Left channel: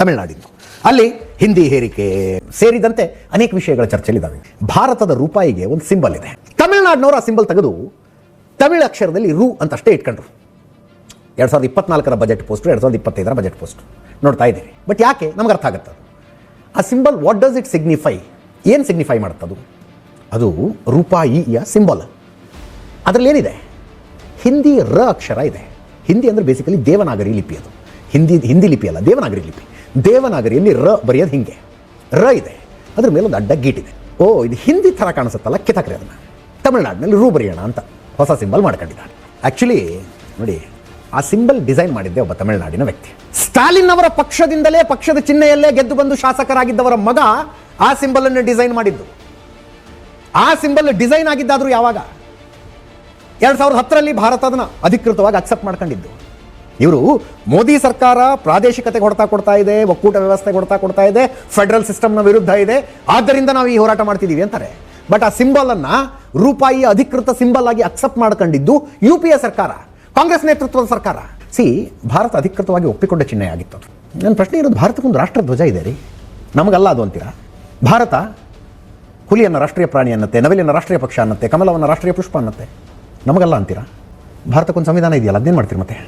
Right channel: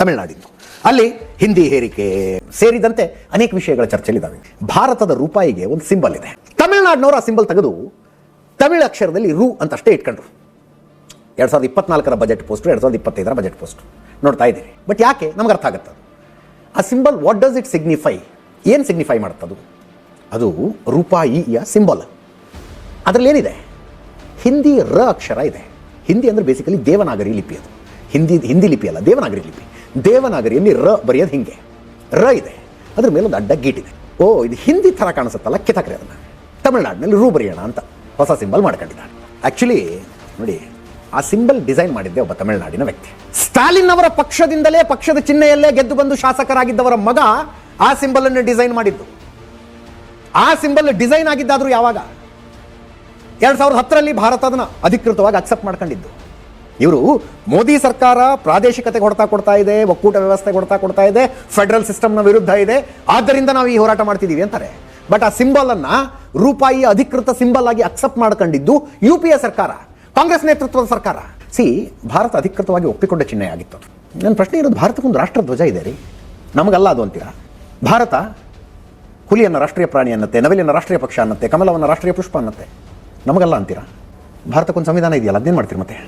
ತಮಿಳುನಾಡಿದ್ದು. ಅಲ್ಲಿ ಹಿಂದಿ ಹೇರಿಕೆ ಸೇರಿದಂತೆ ಅನೇಕ ವಿಷಯಗಳ ಚರ್ಚೆಲಿದ್ದಾವೆ. ಭಾರತದ ರೂಪಾಯಿಗೆ ಒಂದು ಸಿಂಬಲ್ ಇದೆ. ತಮಿಳುನಾಡಿನವರು ಆ ಸಿಂಬಲ್ ತೆಗೆದು ತಮಿಳು ಅಕ್ಷರದಲ್ಲಿ ರು ಅಂತಷ್ಟೇ ಇಟ್ಕೊಂಡ್ರು. 2024 ಬಜೆಟ್ ಪೋಸ್ಟ್, 2025 ಬಜೆಟ್ ಪೋಸ್ಟ್ ನೋಡ್ತಾ ಇದ್ದೀವಿ. ಬಟ್ ಯಾಕೆ ನಮ್ಗೆ ಅರ್ಥ ಆಗುತ್ತೆ ಆ symbol. What does it signify? ಏನು ಸಿಗ್ನಿಫೈ ಮಾಡುತ್ತದು? ಅದು ರೂಪಾಯಿಯ ಸಿಂಬಲ್. ಅದರಲ್ಲಿ ಏನಿದೆ? ಹಿಂದಿ ರ ಅಕ್ಷರ ಇದೆ. ಹಿಂದಿ ಅಂದ್ರೆ ಬೇಸಿಕಲಿ ದೇವನಾಗರಿ ಲಿಪಿ. ಅದು ಹಿಂದಿ ಲಿಪಿ ಅಲ್ಲ, ದೇವನಾಗರಿ ಲಿಪಿ. ದೇವನಾಗರಿಯಲ್ಲಿ ರ ಬರೆಯೋದು ಹಿಂಗೆ ರ ಇದೆ. ಅದ್ರ ಮೇಲೆ ಒಂದು ಅಡ್ಡ ಗೇಟ್ ಇದೆ. ಓ, ಇದು ಹಿಂದಿ ಥರ ಕಾಣಿಸುತ್ತಲ್ಲ, ಕಿತ್ತಾಕ್ರಿ ಅದನ್ನ. ತಮಿಳುನಾಡಿನಲ್ಲಿ ರು ಬರೆಯೋಣ ಅಂತ ಹೊಸ ಸಿಂಬಲ್ ಮಾಡ್ಕೊಂಡಿದ್ದಾರೆ. ಆಕ್ಚುಲಿ ನೋಡಿ, ಆ ಸಿಂಬಲ್ ಡಿಸೈನ್ ಮಾಡಿದ್ದೆ ಒಬ್ಬ ತಮಿಳುನಾಡಿನ ವ್ಯಕ್ತಿ. ಸ್ಟಾಲಿನ್ ಅವರ ಪಕ್ಷದಿಂದಲೇ, ಪಕ್ಷದ ಚಿಹ್ನೆಯಲ್ಲೇ ಗೆದ್ದು ಬಂದು ಶಾಸಕರಾಗಿದ್ದವರ ಮಗ ಆ ಸಿಂಬಲ್ ಅನ್ನು ಡಿಸೈನ್ ಮಾಡಿದ್ದು. ಆ ಸಿಂಬಲ್ ಡಿಸೈನ್ ಆಗಿದ್ದಾದ್ರೂ ಯಾವಾಗ? 2010ರಲ್ಲಿ ಭಾರತ ಅದನ್ನ ಅಧಿಕೃತವಾಗಿ ಅಕ್ಸೆಪ್ಟ್ ಮಾಡ್ಕೊಂಡಿದ್ದು. ಇವರು ಮೋದಿ ಸರ್ಕಾರ ಪ್ರಾದೇಶಿಕತೆ ಕೊಡ್ತಾ ಇದೆ, ಒಕ್ಕೂಟ ವ್ಯವಸ್ಥೆ ಕೊಡ್ತಾ ಇದೆ, ಫೆಡರಲ್ ಸಿಸ್ಟಮ್ನ ವಿರುದ್ಧ ಇದೆ, ಆದ್ದರಿಂದ ನಾವು ಈ ಹೋರಾಟ ಮಾಡ್ತಿದೀವಿ ಅಂತಾರೆ. ಬಟ್ ಆ ಸಿಂಬಲ್ ಅನ್ನ ರೂಪಾಯಿ ಅಧಿಕೃತ ಸಿಂಬಲ್ ಆಗಿ ಅಕ್ಸೆಪ್ಟ್ ಮಾಡ್ಕೊಂಡಿದ್ದು UPA ಸರ್ಕಾರ, ಕಾಂಗ್ರೆಸ್ ನೇತೃತ್ವದ ಸರ್ಕಾರ. ಭಾರತ ಅಧಿಕೃತವಾಗಿ ಒಪ್ಪಿಕೊಂಡ ಚಿಹ್ನೆ ಆಗಿತ್ತು ಅದು. ನನ್ನ ಪ್ರಶ್ನೆ ಇರೋದು, ಭಾರತಕ್ಕೊಂದು ರಾಷ್ಟ್ರ ಧ್ವಜ ಇದೆ ರೀ, ನಮಗಲ್ಲ ಅದು ಅಂತೀರಾ? ಭಾರತ ಹುಲಿಯನ್ನು ರಾಷ್ಟ್ರೀಯ ಪ್ರಾಣಿ ಅನ್ನತ್ತೆ, ನವಿಲನ್ನು ರಾಷ್ಟ್ರೀಯ ಪಕ್ಷ ಅನ್ನತ್ತೆ, ಕಮಲವನ್ನು ರಾಷ್ಟ್ರೀಯ ಪುಷ್ಪ ಅನ್ನತ್ತೆ, ನಮಗಲ್ಲ ಅಂತೀರಾ? ಭಾರತಕ್ಕೊಂದು ಸಂವಿಧಾನ ಇದೆಯಲ್ಲ, ಅದೇನು ಮಾಡ್ತೀರಾ ಮತ್ತೆ?